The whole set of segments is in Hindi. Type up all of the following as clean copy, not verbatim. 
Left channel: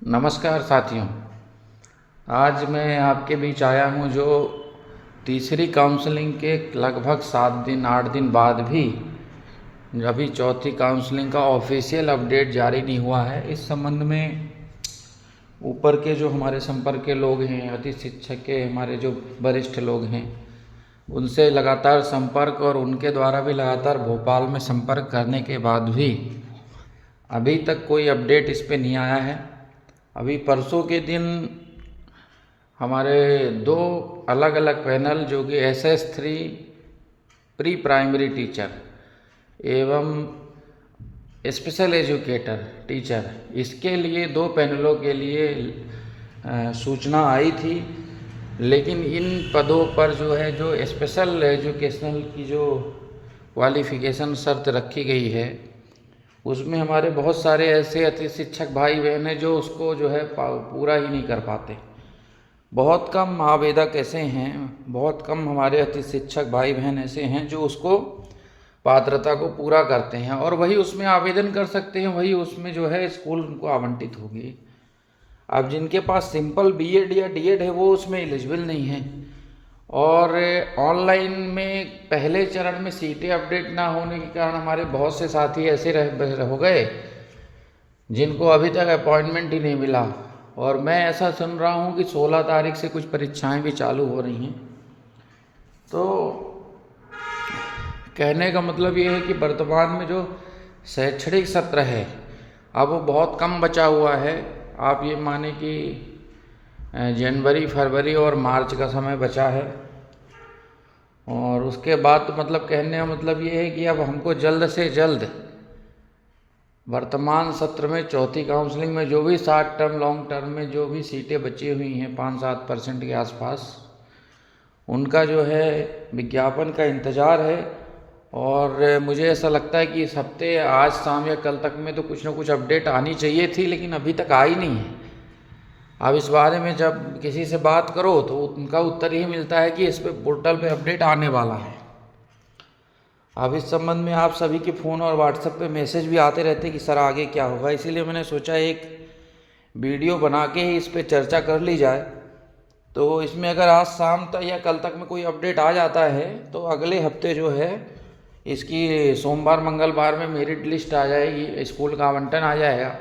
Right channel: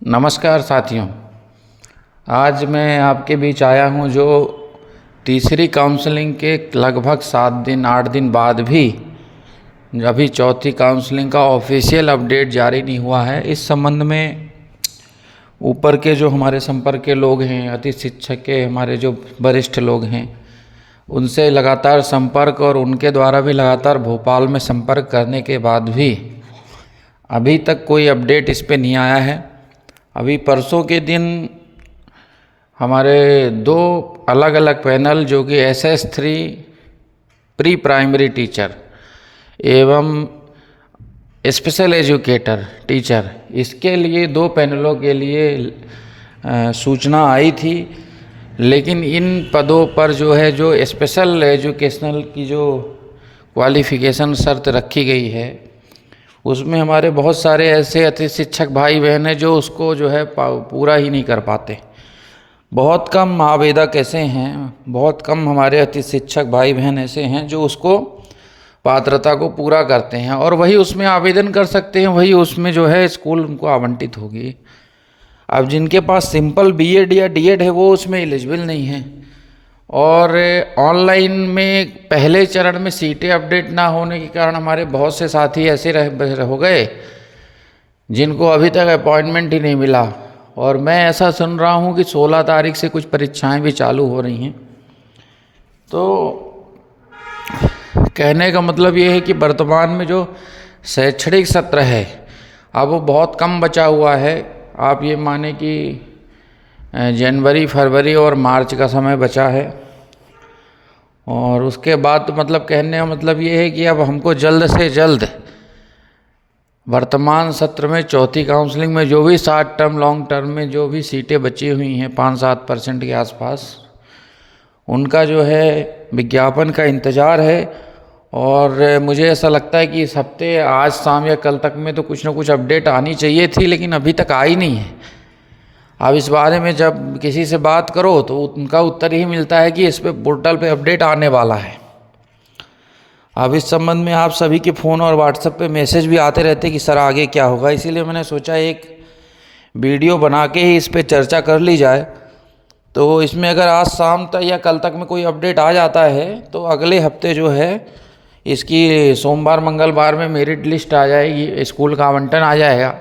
नमस्कार साथियों। आज मैं आपके बीच आया हूं जो तीसरी काउंसलिंग के लगभग 7 दिन 8 दिन बाद भी अभी चौथी काउंसलिंग का ऑफिशियल अपडेट जारी नहीं हुआ है। इस संबंध में ऊपर के जो हमारे संपर्क के लोग हैं, अति शिक्षक के हमारे जो वरिष्ठ लोग हैं, उनसे लगातार संपर्क और उनके द्वारा भी लगातार भोपाल में संपर्क करने के बाद भी अभी तक कोई अपडेट इस पे नहीं आया है। अभी परसों के दिन हमारे 2 अलग अलग पैनल जो कि SS3 प्री प्राइमरी टीचर एवं स्पेशल एजुकेटर टीचर, इसके लिए 2 पैनलों के लिए सूचना आई थी। लेकिन इन पदों पर जो है जो स्पेशल एजुकेशनल की जो क्वालिफ़िकेशन शर्त रखी गई है, उसमें हमारे बहुत सारे ऐसे अति शिक्षक भाई बहन हैं जो उसको जो है पूरा ही नहीं कर पाते। बहुत कम आवेदक ऐसे हैं, बहुत कम हमारे अति शिक्षक भाई बहन ऐसे हैं जो उसको पात्रता को पूरा करते हैं और वही उसमें आवेदन कर सकते हैं, वही उसमें जो है स्कूल उनको आवंटित होगी। अब जिनके पास सिंपल BEd या D.Ed है वो उसमें एलिजिबल नहीं है। और ऑनलाइन में पहले चरण में सीटें अपडेट ना होने के कारण हमारे बहुत से साथी ऐसे हो गए जिनको अभी तक अपॉइंटमेंट ही नहीं मिला। और मैं ऐसा सुन रहा हूँ कि 16 तारीख से कुछ परीक्षाएं भी चालू हो रही हैं। तो कहने का मतलब ये है कि वर्तमान में जो शैक्षणिक सत्र है अब वो बहुत कम बचा हुआ है। आप ये माने कि जनवरी, फरवरी और मार्च का समय बचा है और उसके बाद तो मतलब कहने का मतलब ये है कि अब हमको जल्द से जल्द वर्तमान सत्र में चौथी काउंसलिंग में जो भी शॉर्ट टर्म लॉन्ग टर्म में जो भी सीटें बची हुई हैं 5-7% के आसपास, उनका जो है विज्ञापन का इंतज़ार है। और मुझे ऐसा लगता है कि इस हफ्ते आज शाम या कल तक में तो कुछ ना कुछ अपडेट आनी चाहिए थी, लेकिन अभी तक आई नहीं है। अब इस बारे में जब किसी से बात करो तो उनका उत्तर ही मिलता है कि इस पे पोर्टल पे अपडेट आने वाला है। अब इस संबंध में आप सभी के फ़ोन और व्हाट्सएप पे मैसेज भी आते रहते कि सर आगे क्या होगा, इसीलिए मैंने सोचा एक वीडियो बना के ही इस पे चर्चा कर ली जाए। तो इसमें अगर आज शाम तक या कल तक में कोई अपडेट आ जाता है तो अगले हफ्ते जो है इसकी सोमवार मंगलवार में मेरिट लिस्ट आ जाएगी, स्कूल का आवंटन आ जाएगा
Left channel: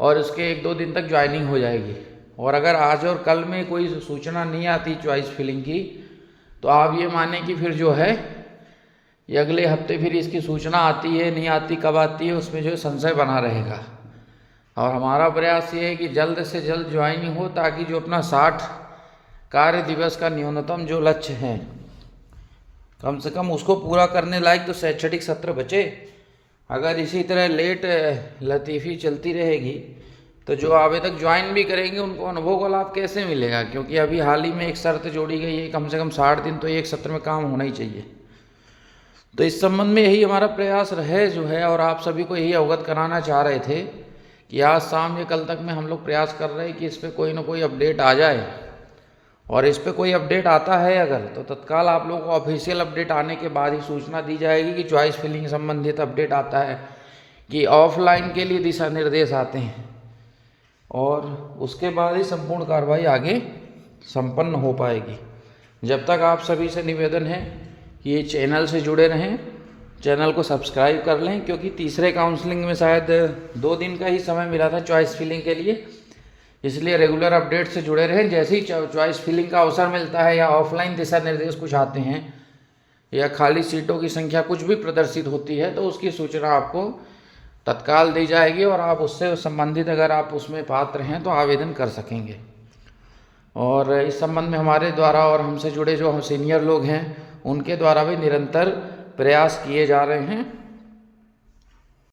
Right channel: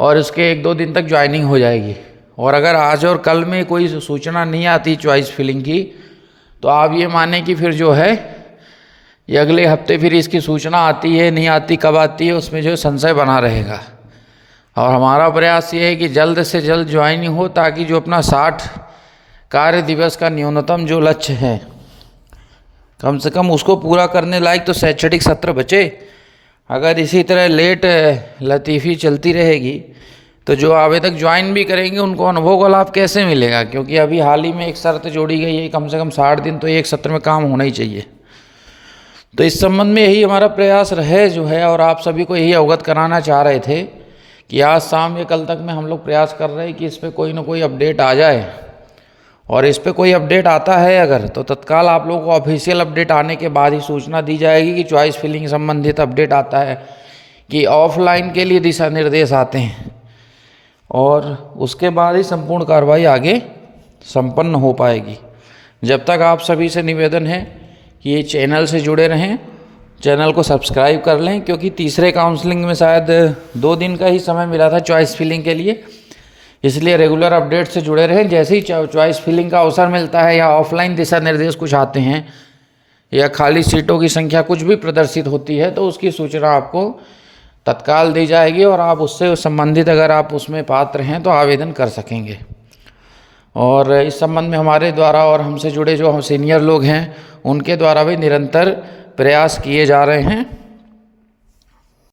और इसके 1-2 दिन तक ज्वाइनिंग हो जाएगी। और अगर आज और कल में कोई सूचना नहीं आती चॉइस फिलिंग की तो आप ये माने कि फिर जो है ये अगले हफ्ते फिर इसकी सूचना आती है नहीं आती, कब आती है, उसमें जो संशय बना रहेगा। और हमारा प्रयास ये है कि जल्द से जल्द ज्वाइनिंग हो ताकि जो अपना 60 कार्य दिवस का न्यूनतम जो लक्ष्य है कम से कम उसको पूरा करने लायक तो शैक्षणिक सत्र बचे। अगर इसी तरह लेट लतीफ़ी चलती रहेगी तो जो आवेदक ज्वाइन भी करेंगे उनको अनुभव का लाभ कैसे मिलेगा, क्योंकि अभी हाल ही में एक शर्त जोड़ी गई है कम से कम 60 दिन तो एक सत्र में काम होना ही चाहिए। तो इस संबंध में यही हमारा प्रयास रहे जो है, और आप सभी को यही अवगत कराना चाह रहे थे कि आज शाम या कल तक में हम लोग प्रयास कर रहे हैं कि इस पर कोई ना कोई अपडेट आ जाए। और इस पर कोई अपडेट आता है अगर तो तत्काल आप लोगों को ऑफिशियल अपडेट आने के बाद ही सूचना दी जाएगी कि चॉइस फिलिंग संबंधित अपडेट आता है कि ऑफलाइन के लिए दिशा निर्देश आते हैं, और उसके बाद ही संपूर्ण कार्रवाई आगे संपन्न हो पाएगी। जब तक आप सभी से निवेदन है कि ये चैनल से जुड़े रहें, चैनल को सब्सक्राइब कर लें, क्योंकि तीसरे काउंसलिंग में शायद 2 दिन का ही समय मिला था चॉइस फिलिंग के लिए, इसलिए रेगुलर अपडेट से जुड़े रहें। जैसे ही चॉइस फिलिंग का अवसर मिलता है या ऑफलाइन दिशा निर्देश कुछ आते हैं या खाली सीटों की संख्या कुछ भी प्रदर्शित होती है तो उसकी सूचना आपको तत्काल दी जाएगी और आप उससे संबंधित अगर आप उसमें पात्र हैं तो आवेदन कर सकेंगे। और इस संबंध में हमारे द्वारा और हमसे जुड़े जो हम सीनियर लोग हैं उनके द्वारा भी निरंतर प्रयास किए जा रहे हैं।